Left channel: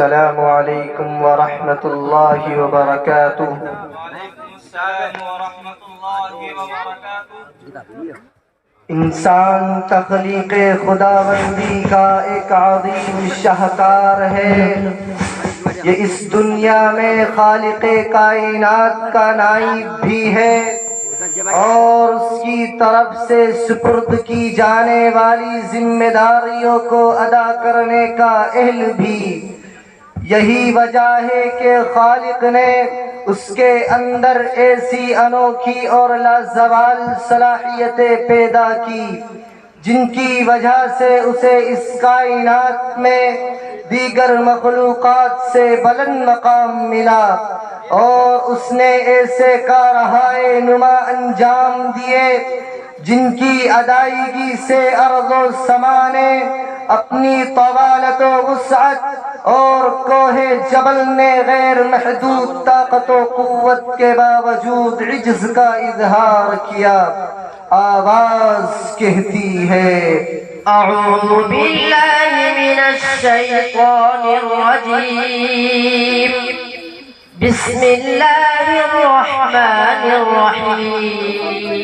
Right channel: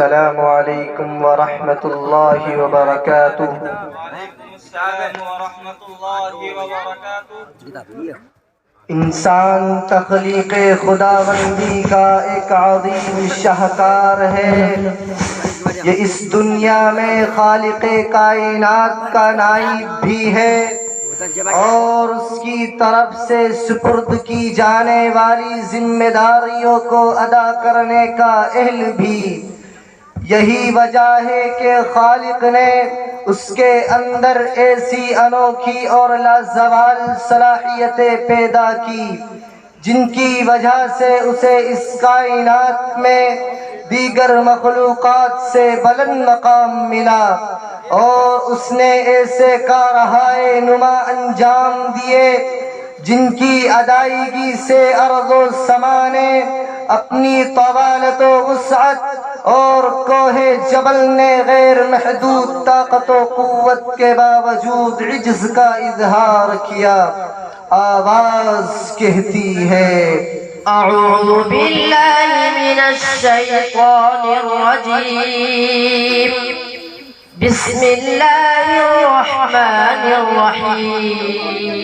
السلام علیکم ورحمۃ اللہ وبرکاتہ۔ وعلیکم السلام ورحمۃ اللہ وبرکاتہ۔ انسان تخلیق خداوندی کا ایک عظیم شاہکار ہے۔ یہ اس دنیا میں خالق کائنات کا نائب بھی ہے اور اس کی طرف سے سپرد کی جانے والی ذمہ داریوں کو ادا کرنے کا اہل بھی۔ یہی وجہ ہے کہ خالق نے اس کے اندر ایسی انوکھی اور لازوال صلاحیتیں پیدا کی جن کی وجہ سے اسے اس کائنات میں دیگر مخلوقات سے بلند مقام ملا، اور اس نے ایسے کارہائے نما انجام دیے جن کی ادائیگی سے ارض و سما نے اپنی طوالت و وسعت اور کوہ جبل نے غیر محدود طاقت و قوت کے باوجود عجز کا اظہار کیا۔ آواز کہتی ہے اعوذ باللہ من الشیطان الرجیم، بسم اللہ الرحمن الرحیم۔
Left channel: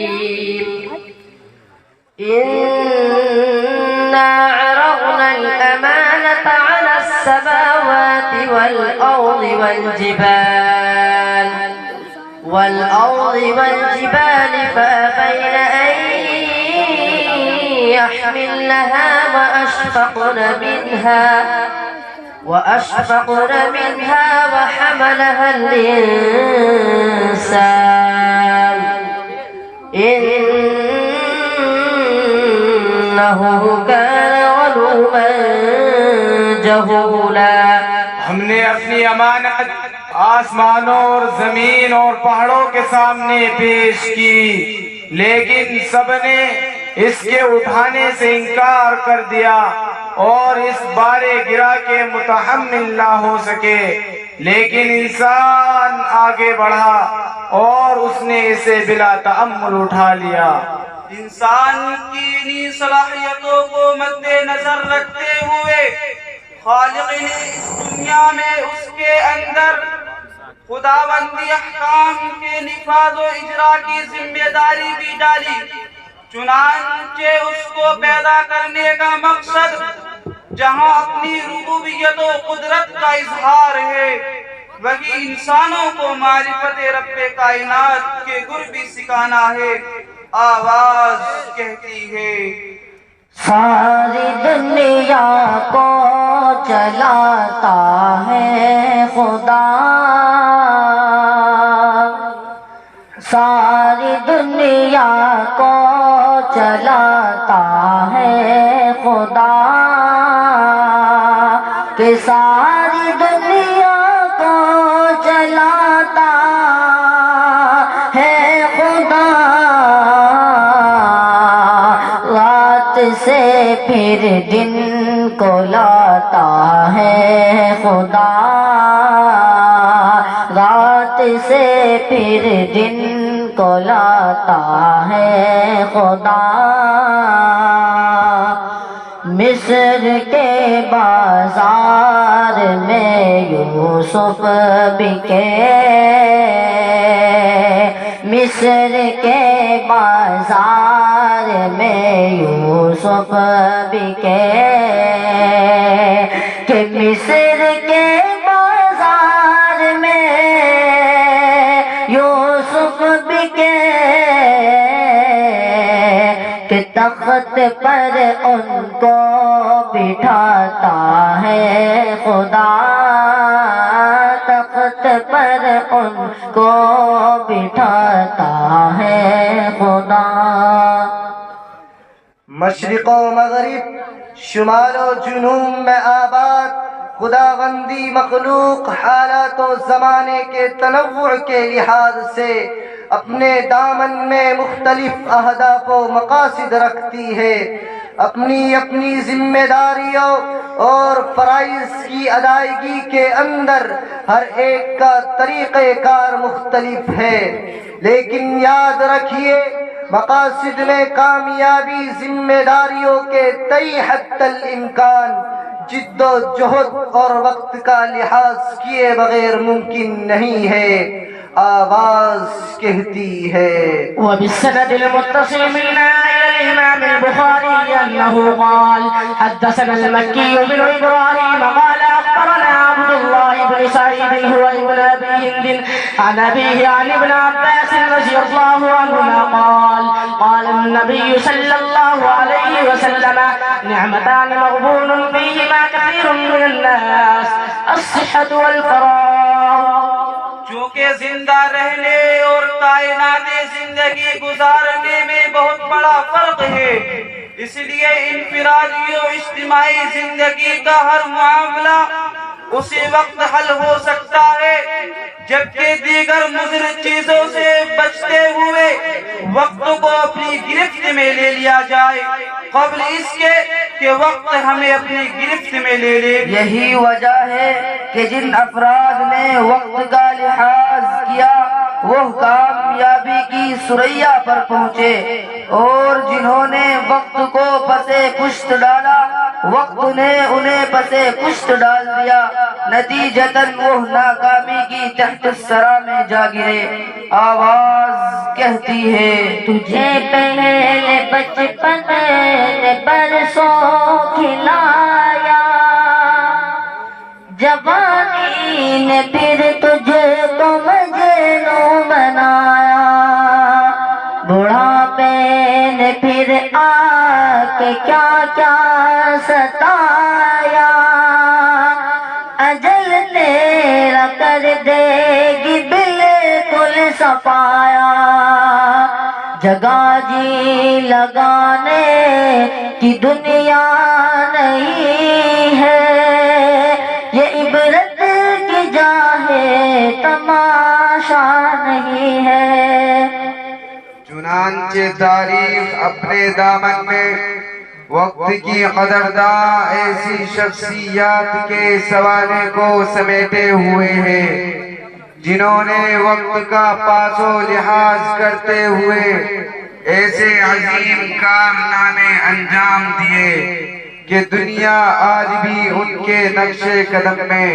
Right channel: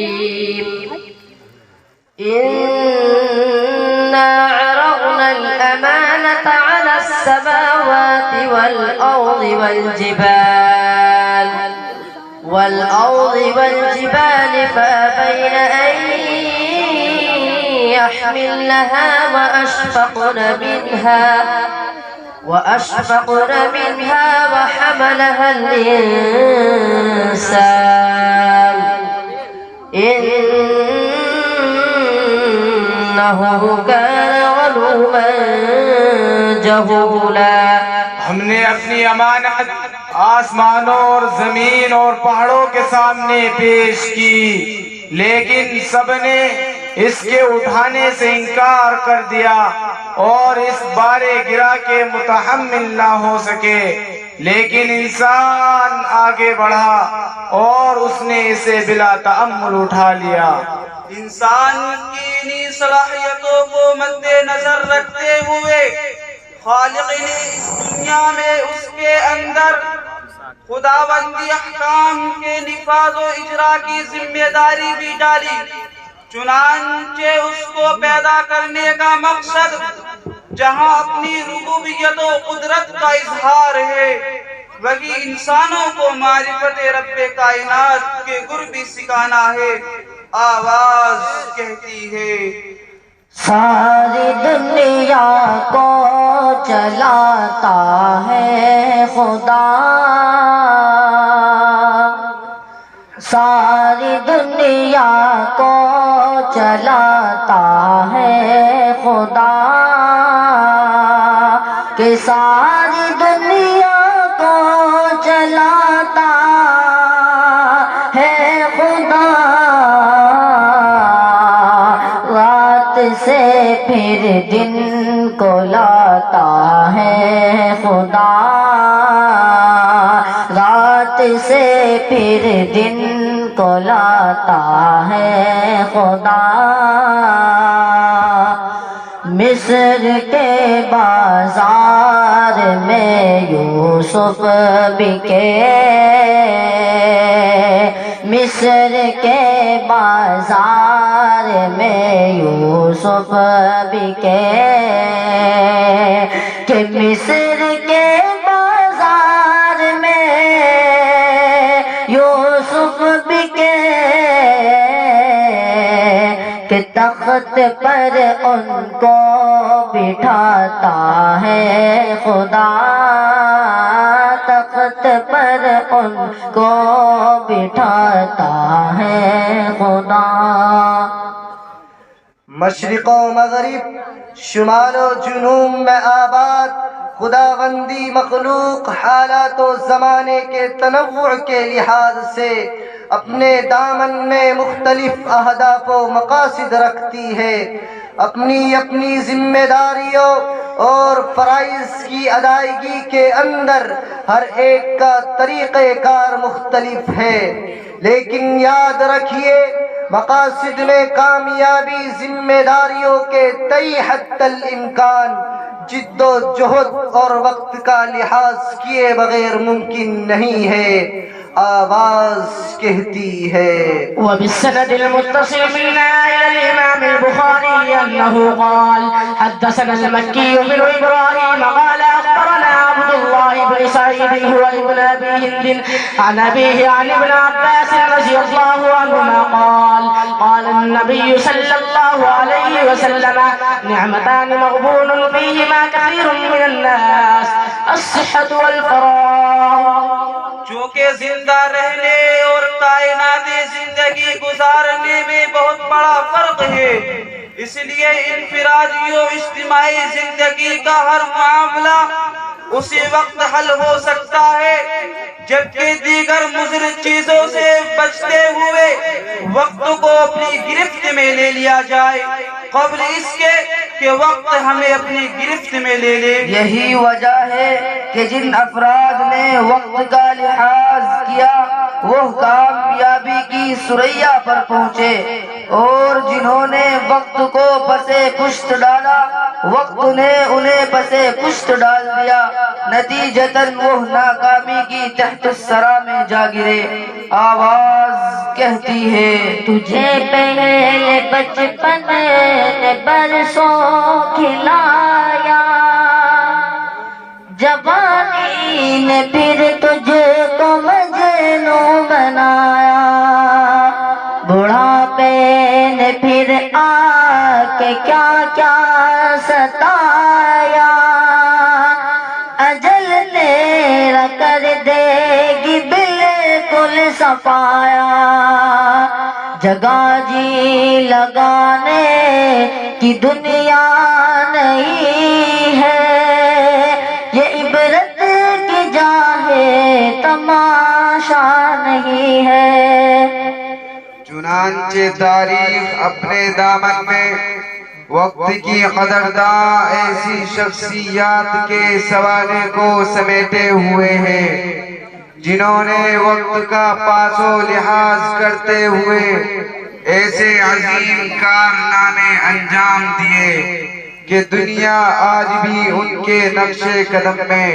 إنا عرضنا الأمانة على السماوات والأرض والجبال فأبين أن يحملنها وأشفقن منها وحملها الإنسان إنه كان ظلوما جهولا۔ ہم نے اپنی امانت آسمانوں اور زمین اور پہاڑوں کے سامنے پیش کی، لیکن سب نے اس کے اٹھانے سے انکار کر دیا اور اس بارے گرا کے متحمل نہ ہو سکے۔ لیکن انسان آگے بڑھا اور اس نے اسے بلا تأمل اٹھا لیا۔ انسان کی انہی صلاحیتوں کو مد نظر رکھتے ہوئے خالق نے اس دنیا میں اس کے اندر خداوندی احکام کے نفاذ و اجرا کی ذمہ داری بھی ڈالی۔ چنانچہ اس کو پیدا کرنے کا مقصد جہاں اپنی ربوبیت و قدرت کا اظہار ہے، وہی انسانوں کو معرفت رب کائنات کے گر بھی سکھانا ہے۔ آواز کہتی ہے ساری دنیا کو چلاتا ہے خدا، ساری دنیا کو چلاتا ہے خدا، کہ ساری دنیا کو چلاتا ہے خدا، رات سے پھر دن کو لاتا ہے خدا، رات سے پھر دن کو لاتا ہے خدا۔ مصر کے بازار میں یوسف بکے، مصر کے بازار میں یوسف بکے، کہ مصر کے بازار میں یوسف بکے، کہ تخت پر ان کو بٹھاتا ہے خدا، تخت پر ان کو بٹھاتا ہے خدا۔ مشرق و مغرب، شمال و جنوب میں آباد خداوندی مخلوق حالات و زمانے کے تنوع کے لحاظ سے اپنے دامن میں مختلف اہداف و مقاصد رکھتی ہے۔ اپنی اپنی ذمہ داریوں اور فرائض کی ادائیگی کے اندر ہر ایک کا طریقہ کار مختلف ہے، لیکن یاد رکھیے مقاصد میں کامیابی ذمہ داریوں کے تئیں حتی الامکان جد و جہد اور وقت کا لحاظ کیے بغیر ممکن نہیں ہے۔ آواز کہتی ہے۔ وبالسند المتصل منا إلى الإمام البخاري أنه قال حدثنا المكي بن إبراهيم قال أخبرنا عبد الله بن سعيد هو ابن أبي هند عن أبيه عن ابن عباس رضي الله عنهما قال قال النبي صلى الله عليه وسلم نعمتان مغبون فيهما كثير من الناس الصحة والفراغ۔ چونکہ زندہ رہنے اور کائناتی زندگی گزارنے میں بہت بڑا فرق ہے، اس لیے انفرادی و اجتماعی زندگی کا ہر معاملہ اسی وقت حل ہو سکتا ہے جبکہ دیگر مضر چیزوں سے بچتے ہوئے وقت کو اپنی گرفت میں لے لیا جائے قبل اس کے کہ وقت ہمیں اپنی گرفت میں لے لے۔ یہی وجہ ہے کہ جن افراد نے وقت کا لحاظ کیا وہ کامیابی کی ثریا پر پہنچے، اور جنہوں نے وقت کو پسے پشت ڈالا وقت نے انہیں پسے پشت ڈال دیا، نتیجتاً وہ ناکامی کی تحت الثری میں جا گرے۔ آواز کہتی ہے تجھے پہلے بچپن نے برسوں کھلایا، جوانی نے پھر تجھے کو مجنوں بنایا، بڑھاپے نے پھر آ کے کیا کیا ستایا، اجل تیرا کر دے گی بالکل صفایا، جگہ جی لگانے کی دنیا نہیں ہے، یہ عبرت کی جا ہے تماشا نہیں ہے۔ چنانچہ تاریخ اپنے دامن میں وقت کی قدرداں ایسی شخصیات کے سوانے کو سمیٹے ہوئے ہیں جنہوں نے وقت کا پاس و لحاظ کرتے ہوئے ایسے عظیم کارنامے انجام دیے کہ دنیا آج بھی ان کے نقش قدم میں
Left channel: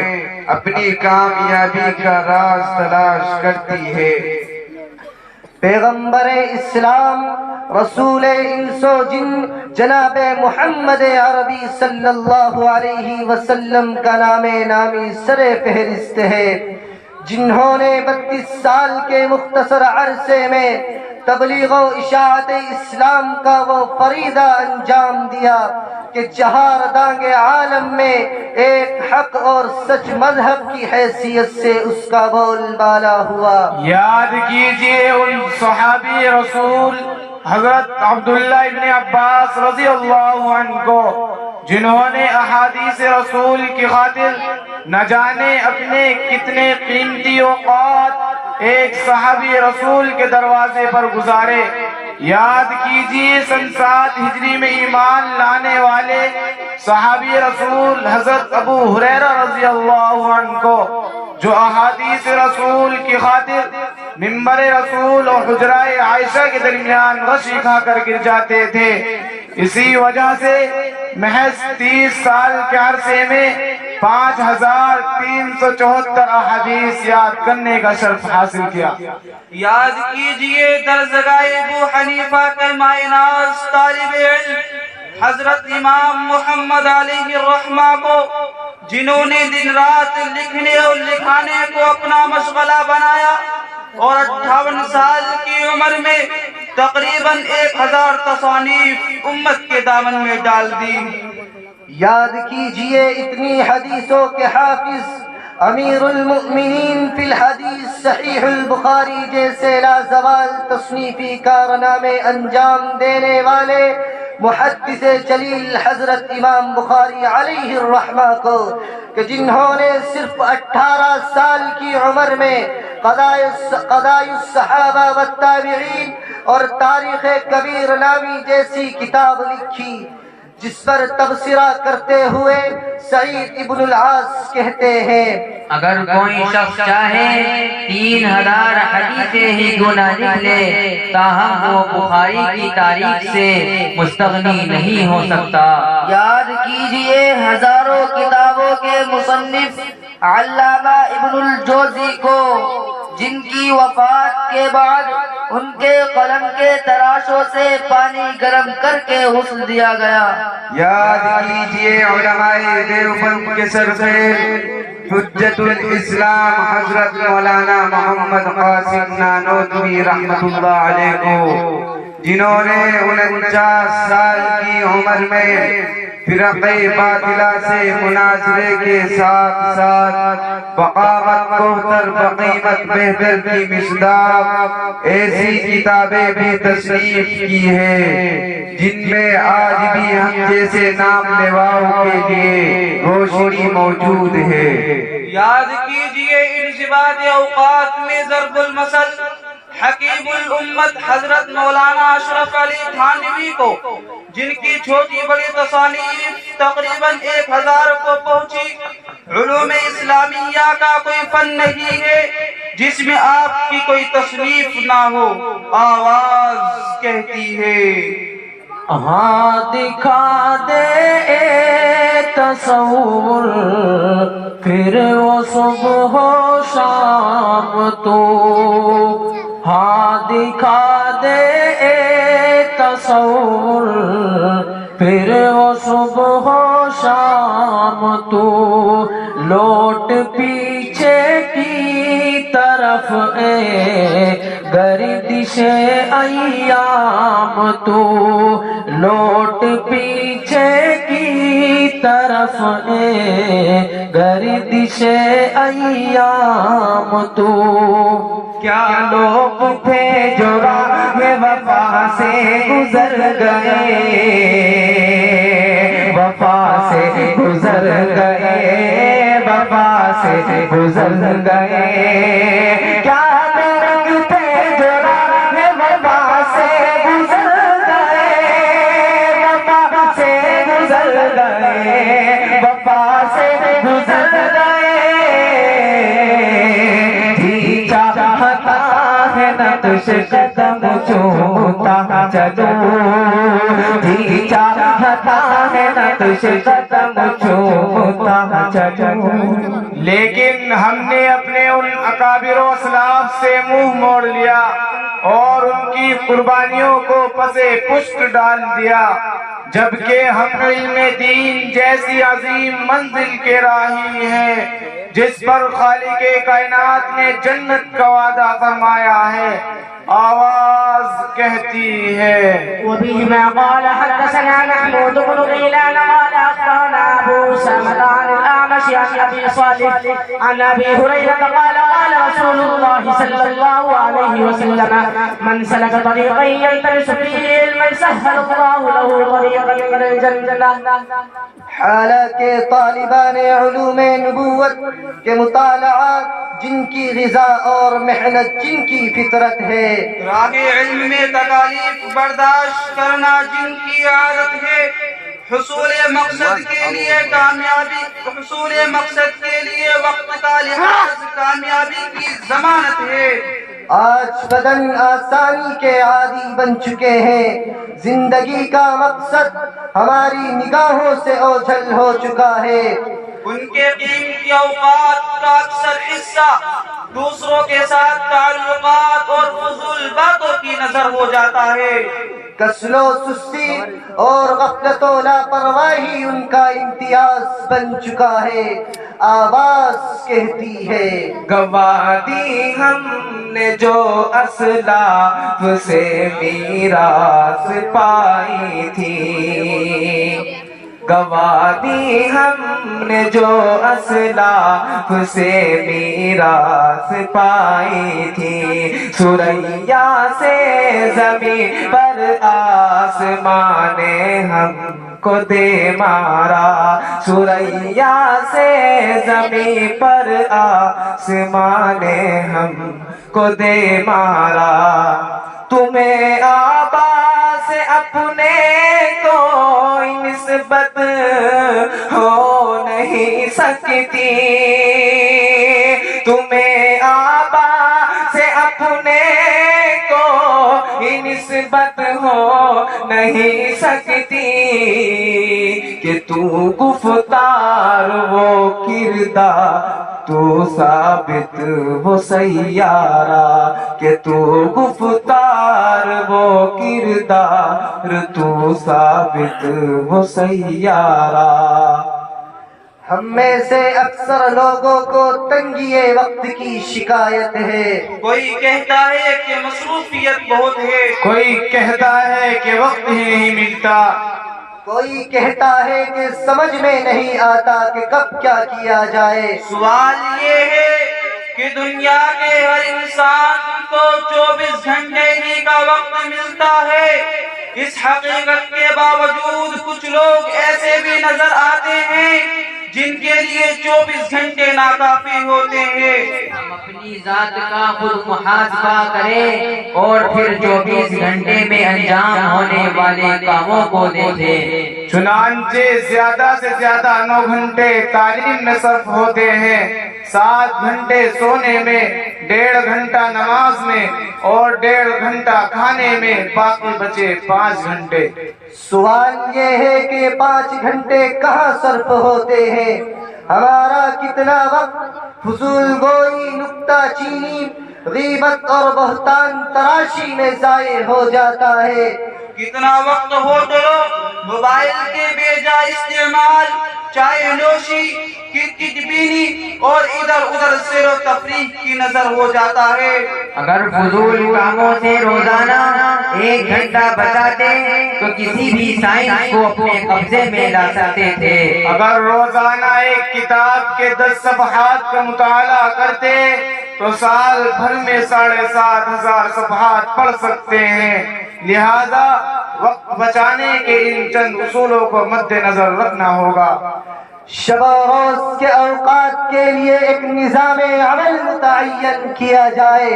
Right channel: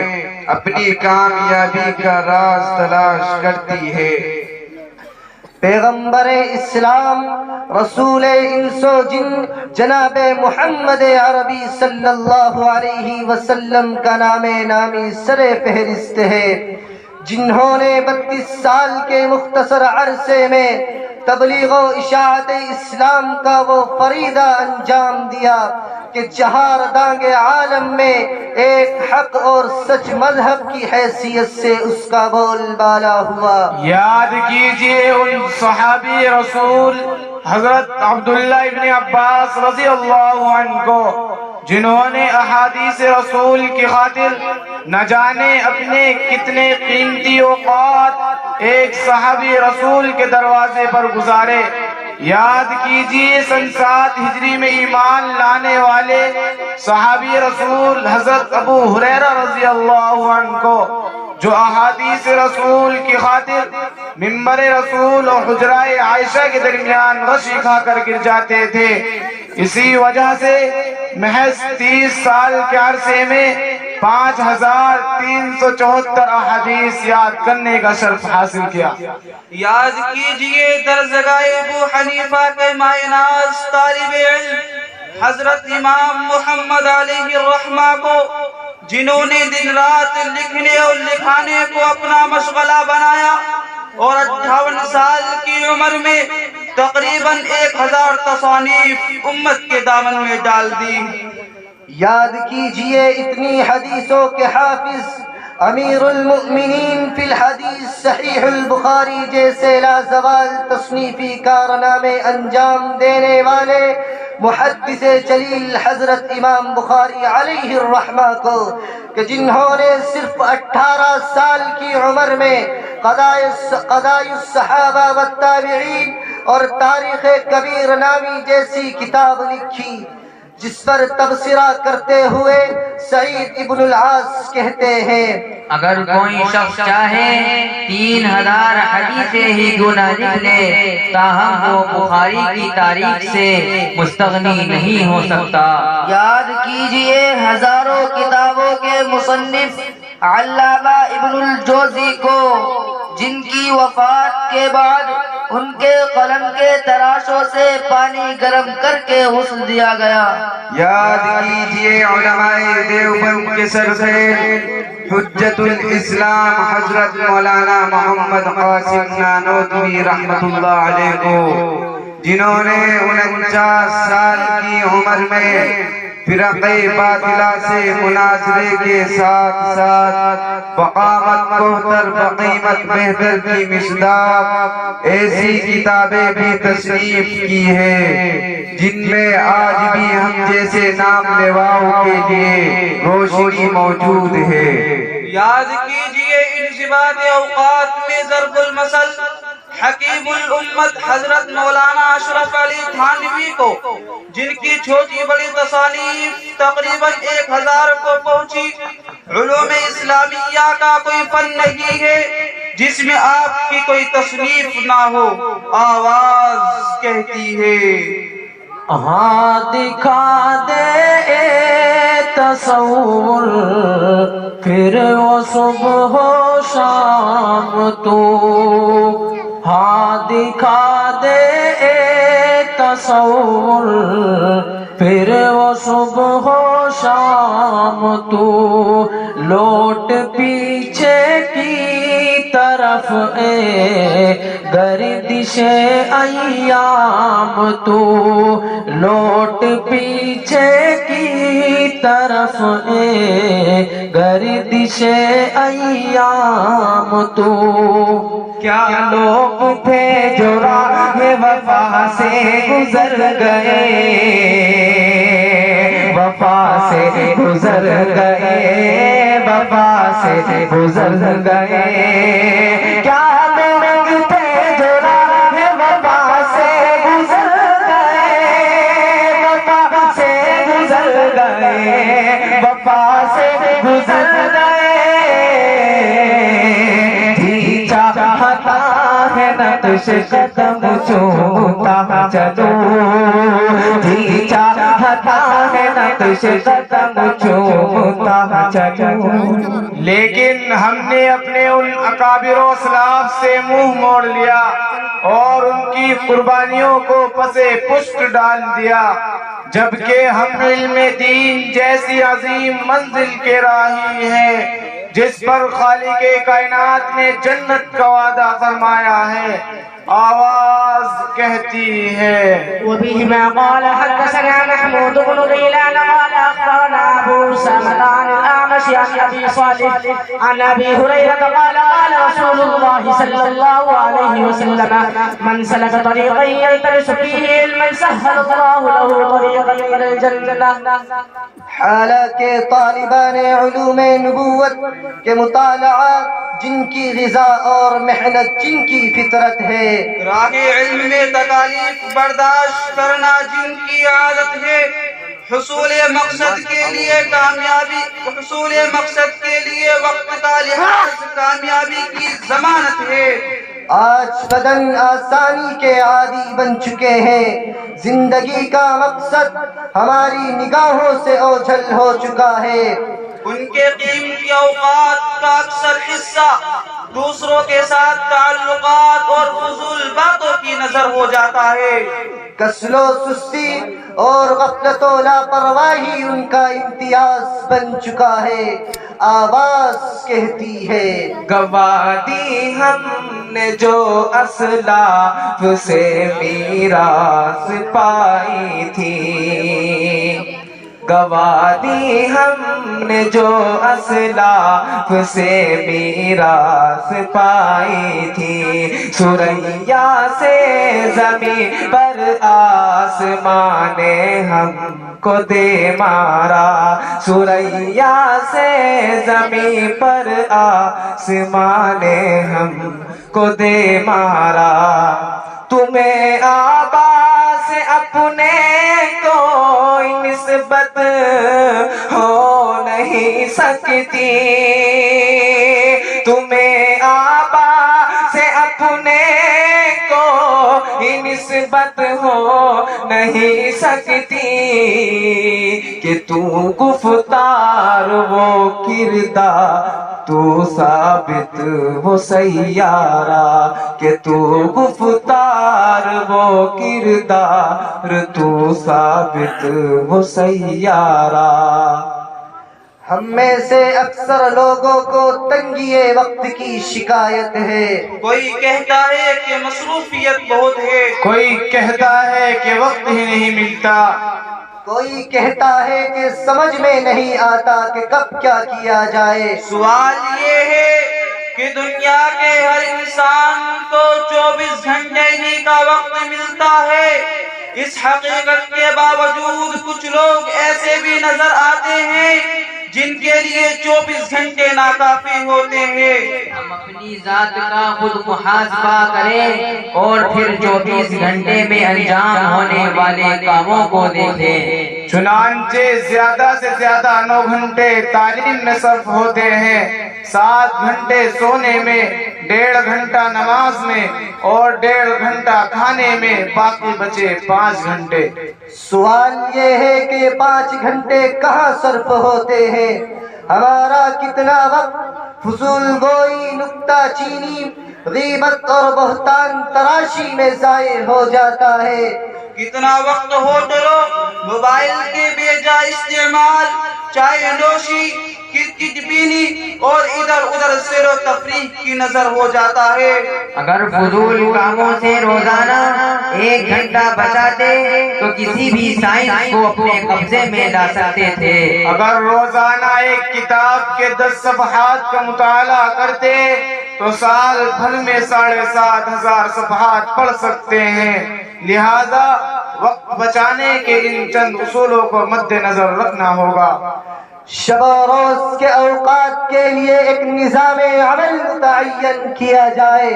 اپنی کامیابی کا راز تلاش کرتی ہے۔ پیغمبر اسلام رسول انس و جن جناب محمد عربی صلی اللہ علیہ وسلم کا نام نامی سر فہرست ہے، جنہوں نے 32 سال کے مختصر عرصے میں تبلیغ و اشاعت اسلام کا وہ فریضہ انجام دیا کہ چہار دانگ عالم میں ایک حق اور سچ مذہب کی حیثیت سے اس کا بول بالا ہوا۔ یاد کیجئے ان صحابی رسول حضرت عبداللہ ابن عباس رضی اللہ عنہ کو جنہوں نے احادیث رسول کی خاطر نہ جانے اپنے کتنے قیمتی اوقات ایک صحابی رسول کے دروازے پر گزارے۔ یاد کیجئے سن 7 ہجری میں ایمان لانے والے صحابی رسول حضرت ابو ہریرہ رضی اللہ عنہ کو جو احادیث رسول کی خاطر ممبر رسول اور حجرہ عائشہ کے درمیان غشی کھا کر گر جاتے تھے، اسی وجہ سے محض 30 سال کے عرصے میں 5374 احادیث یاد کرنے کا شرف حاصل کیا۔ یاد کیجئے درزگاہ ابو حنیفہ کے مائناز طالب علم حضرت امام محمد علیہ الرحمہ کو جنہوں نے دن رات لکھنے اور لکھانے کو اپنا مشغلہ بنایا اور 58 سال کی عمر میں تقریباً 1000 تصانیف امت کے دامن میں ڈال دی۔ یاد کیجئے اتنی حدیثوں کے حافظ امیر المؤمنین فی الحدیث صحیح البخاری جیسے لازوال تصنیفی کارنامے انجام دینے والے محدث جلیل حضرت امام بخاری علیہ الرحمہ کو کہ جنہوں نے صرف 18 سال کی عمر میں قضاء الصحابہ والتابعین اور تاریخ کبیر نامی جیسی کتاب لکھی، جس پر تبصرہ کرتے ہوئے سعید ابن العاص کہتے ہیں اگر کوئی شخص چاہے 3000 حدیثیں ہی گنا لکھ لے تاہم وہ بخاری کی تاریخ سے مستغنی نہیں ہو سکتا۔ یاد کیجئے ہزاروں کتابوں کے مصنف علامہ ابن الجوزی کو، جن کی وفات کے بعد ان کے قلم کے تراشوں سے پانی گرم کر کے غسل دیا گیا۔ یاد کیجئے علماء دیوبند کے سرزیر حجت الاسلام حضرت مولانا محمد قاسم نانوتوی رحمت اللہ علیہ کو، جنہوں نے 49 سال کی عمر میں فرقہ باطلہ سے مناظرے کے ساتھ ساتھ بقامت کوہتر بقیمت بہتر کی مصداق ایسی کتابیں بھی تصنیف کی ہیں جن میں آج بھی ہم جیسے نام لیواؤں کے لیے روشنی موجود ہے۔ یاد کیجئے انضباط اوقات میں ضرب المثل حکیم الامت حضرت مولانا اشرف علی تھانوی کو، جن کی چھوٹی بڑی تصانیف تقریباً 1000 کو پہنچی۔ علوم اسلامیہ کا کوئی فن نہیں ہے جس میں آپ کی کوئی تصنیف نہ ہو۔ آواز کہتی ہے ہاں دکھا دے تصور پھر وہ صبح و شام تو، ہاں دکھا دے تصور پھر وہ صبح و شام تو، لوٹ پیچھے کی طرف گردش ایام تو، لوٹ پیچھے کی طرف گردش ایام تو، کیا لوگ تھے جو راہ وفا سے گزر گئے، وفا سے گزر گئے، وفا سے گزر گئے، کیا لوگ تھے جو راہ وفا سے گزر گئے، وفا سے گزر گئے، وفا سے گزر گئے، جی چاہتا ہے نقش قدم چومتا چلوں، جی چاہتا ہے نقش قدم چومتا چلوں، لیکن ہم نے اپنے ان اکابر و اسلاف سے منہ موڑ لیا اور ان کی قربانیوں کو پسے پشت ڈال دیا، جبکہ ہم علم دین جیسی عظیم منزل کے راہی ہیں جس پر خالق کائنات نے جنت کا وعدہ فرمایا ہے۔ آواز کہتی ہے وبهما قال حدثنا محمود بن غيلان قال أخبرنا أبو أسامة عن الأعمش عن أبي صالح عن أبي هريرة قال قال رسول الله صلى الله عليه وسلم من سلك طريقا يلتمس فيه علما سهل الله له طريقا إلى الجنة۔ حالانکہ طالبان علوم نبوت کے مطالعات جن کی غذا اور محنت جن کی فطرت ہے، راہ علم میں تکالیف برداشت کرنا جن کی عادت ہے، حصول مقصد کے لیے کامیابی، حصول مقصد کے لیے وقت کا لحاظ کامیابی کی ضمانت ہے۔ آج بدن آسانی کے عادی بن چکے ہیں، زندگی کا مقصد ہماری نگاہوں سے اوجھل ہو چکا ہے، ان کے قیمتی اوقات کا اکثر حصہ دوسروں کے ساتھ تعلقات اور فضول باتوں کی نظر ہو جاتا ہے۔ کسل و سستی اور غفلت و لاپرواہی ان کا امتیاز بن چکا ہے۔ آواز کہتی ہے گوا دی ہم نے جو اسلاف سے میراث پائی تھی، گوا دی ہم نے جو اسلاف سے میراث پائی تھی، سریا سے زمین پر آسمان نے ہم کو دے مارا، سریا سے زمین پر آسمان نے ہم کو دے مارا، تمہیں آبا سے اپنے کو سکتی تمہیں آبا سے اپنے کو ہی نسبت ہو نہیں سکتی کہ تو گفتار وہ کردار تو ثابت وہ سیارہ کہ تو گفتار وہ کردار تو ثابت وہ سیارہ ہم میں سے اکثر لوگوں کو تنگی وقت کی شکایت ہے کوئی کہتا ہے کہ مصروفیت بہت ہے کوئی کہتا ہے کہ وقت ہی نہیں ملتا کوئی کہتا ہے کہ سمجھ میں نہیں آتا کہ کب کیا کیا جائے سوال یہ ہے کہ دنیا کے ہر انسان کو 24 گھنٹے ہی کا وقت ملتا ہے اس حقیقت کے باوجود کچھ لوگ ایسے بھی نظر آتے ہیں جن کے لیے 24 گھنٹے ناکافی ہوتے ہیں ہم اپنی ذات کا خود محاسبہ کریں اور پھر 24 گھنٹے میں انجام ہونے والے کاموں کو دیکھیں چنانچہ زیادہ سے زیادہ 9 گھنٹے تعلیم میں صرف ہوتے ہیں 7 گھنٹے سونے میں 1.5 گھنٹہ نماز میں اور 1.5 گھنٹہ کھانے میں باقی بچے 5 گھنٹے سوال یہ ہے کہ 5 گھنٹے کہاں صرف ہوتے ہیں ہمارا کتنا وقت فضول گوئی نکتہ چینی غیبت اور بہتان تراشی میں ضائع ہو جاتا ہے کتنا وقت ہوٹلوں موبائل کے بے جا استعمال چائے نوشی کرکٹ بینی اور ادھر ادھر سیر و تفریح کی نظر ہو جاتا ہے اگر فضول کاموں سے روزانہ 1 گھنٹہ بچاتے تو کسی بھی سائنس کو اپنے قبضے میں لا سکتے تھے اگر روزانہ ایک کتاب کے 10 صفحات کا مطالعہ کرتے تو سال بھر میں 7,500 صفحات پڑھ سکتے ہیں لہذا وقت بچانے کے ان چند اصولوں کو مد نظر رکھنا ہوگا شب و روز کے اوقات کے لیے ایک نظام عمل متعین کیا جائے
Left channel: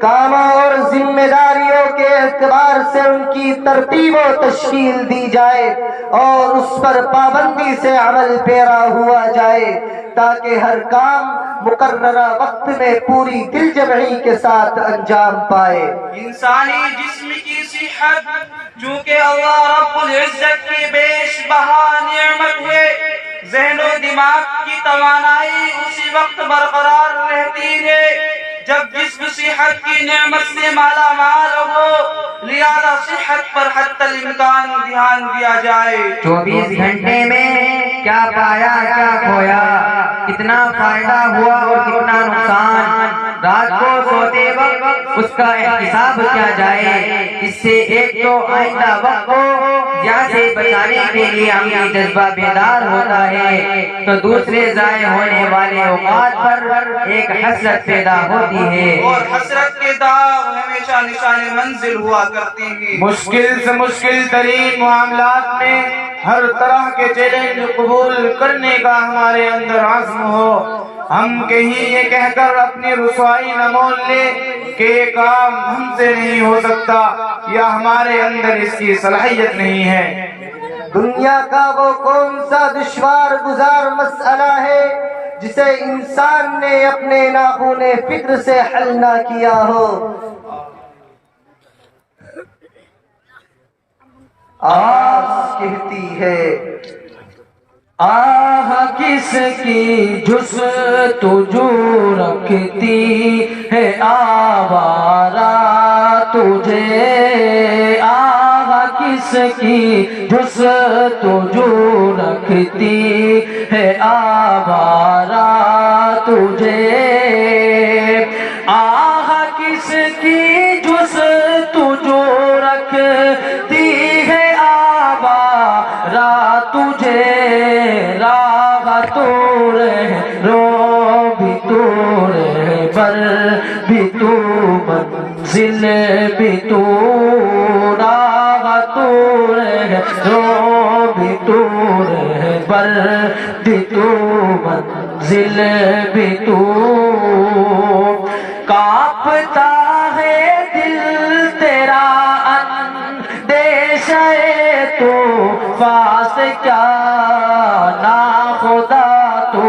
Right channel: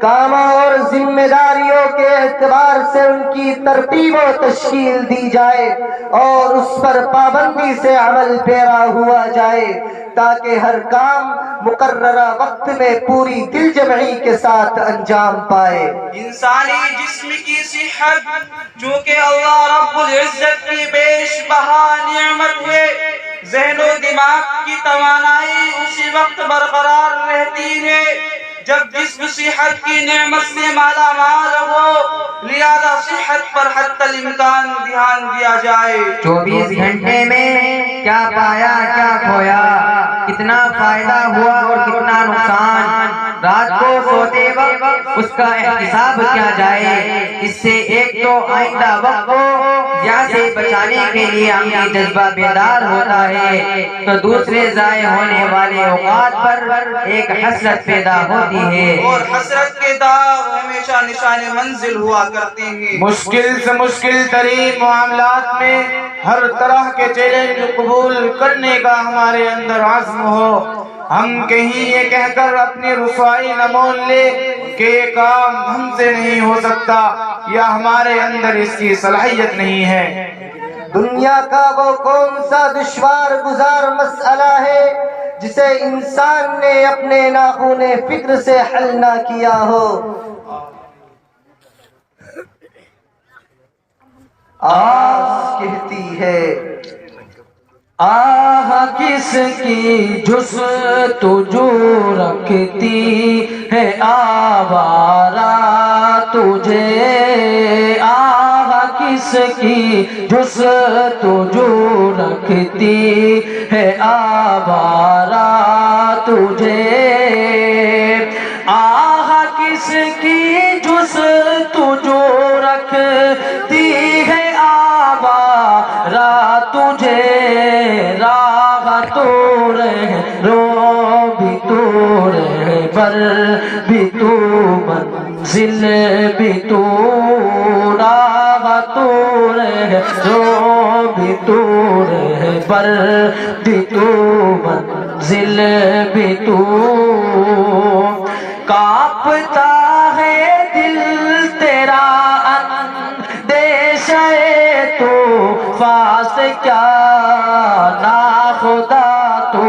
کاموں اور ذمہ داریوں کے اعتبار سے ان کی ترتیب و تشکیل دی جائے اور اس پر پابندی سے عمل پیرا ہوا جائے تاکہ ہر کام مقررہ وقت میں پوری دل جمعی کے ساتھ انجام پائے انسانی جسم کی صحت جو کہ اللہ رب العزت کی بیش بہا نعمت ہے ذہن و دماغ کی توانائی اسی وقت برقرار رہتی ہے جب جسم صحت کی نعمت سے مالا مال ہو لہذا صحت پر حتی الامکان دھیان دیا جائے 24 گھنٹے میں کیا پایا کیا کھویا کتنا فائدہ ہوا اور کتنا نقصان رات کو سوتے وقت اس کا احتساب کیا جائے اس سے ایک تو آئندہ وقت کو ضیاع سے بچانے کے لیے عملی جذبہ بیدار ہوتا ہے تو دوسرے ضائع ہونے والے اوقات پر ایک حسرت پیدا ہوتی ہے اور حسرت کے داغ ہمیشہ نشان منزل ہوا کرتے ہیں مشکل سے مشکل ترین معاملات میں ہر طرح کے چیلنج قبول کرنے کا ہمارے اندر عزم ہو ہم کہیں یہ کہہ کر اپنی رسوائی نہ مول لے کہ یہ کام ہم سے نہیں ہو سکتا یا ہمارے اندر اس کی صلاحیت نہیں ہے دنیا کا وہ کون سا دشوار گزار مسئلہ ہے جسے انسان نے اپنے ناخون فکر سے حل نہ کیا ہو آس کہتی ہے آہ کس کی جستجو رکھتی ہے آوارہ تجھے آہ کس کی جستجو رکھتی ہے آوارہ تجھے آہ کس کی جستجو رکھتی ہے آوارہ تجھے راہ تو رہ رو بھی تو رہ بر بھی تو منزل بھی تو راہ تو رہ رو بھی تو رہ بر بھی تو منزل بھی تو کانپتا ہے دل تیرا اندیشہ تو فاس کیا نا خدا تو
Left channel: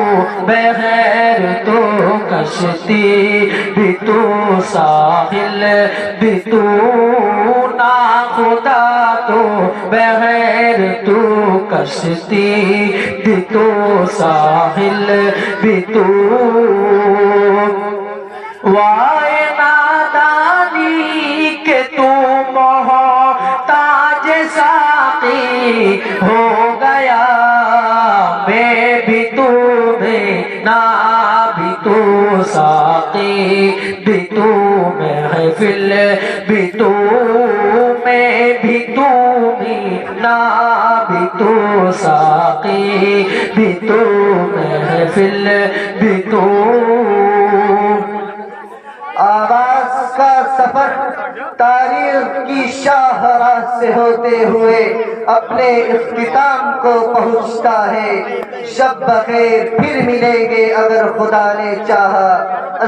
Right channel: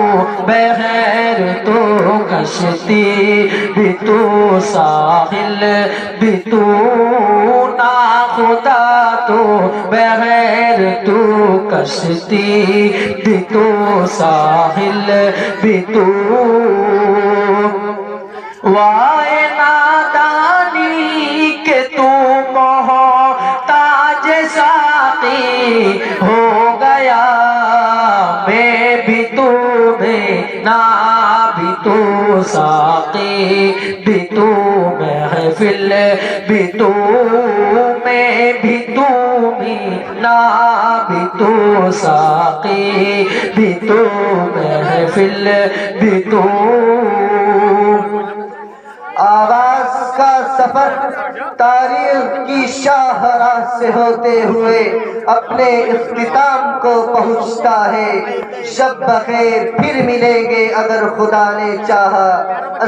بغیر تو کشتی بھی تو ساحل بھی تو ناخدا تو بغیر تو کشتی بھی تو ساحل بھی تو وائے نادانی کہ تو محتاج ساقی ہو گیا میں بھی تو میں نہ بھی تو ساقی بھی تو محفل بھی تو میں بھی تو میں نہ بھی تو ساقی بھی تو محفل بھی تو آواز کا سفر تاریخ کی شاہراہ سے ہوتے ہوئے اپنے اختتام کو پہنچتا ہے. شب بخیر، پھر ملیں گے اگر خدا نے چاہا.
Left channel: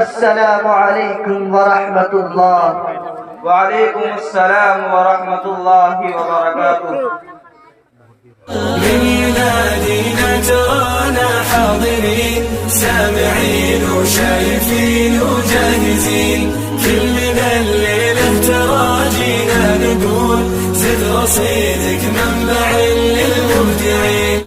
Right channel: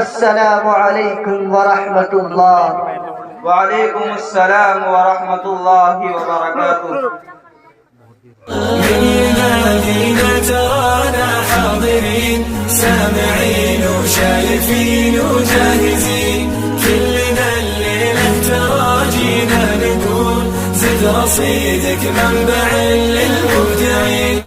السلام علیکم ورحمۃ اللہ. وعليكم السلام ورحمة الله وبركاته. من ينادينا ترانا حاضرين سامعين وشايفين وجاهزين كلنا الليلة تراجينا نقول زد رصيدك منبع للمبدعين.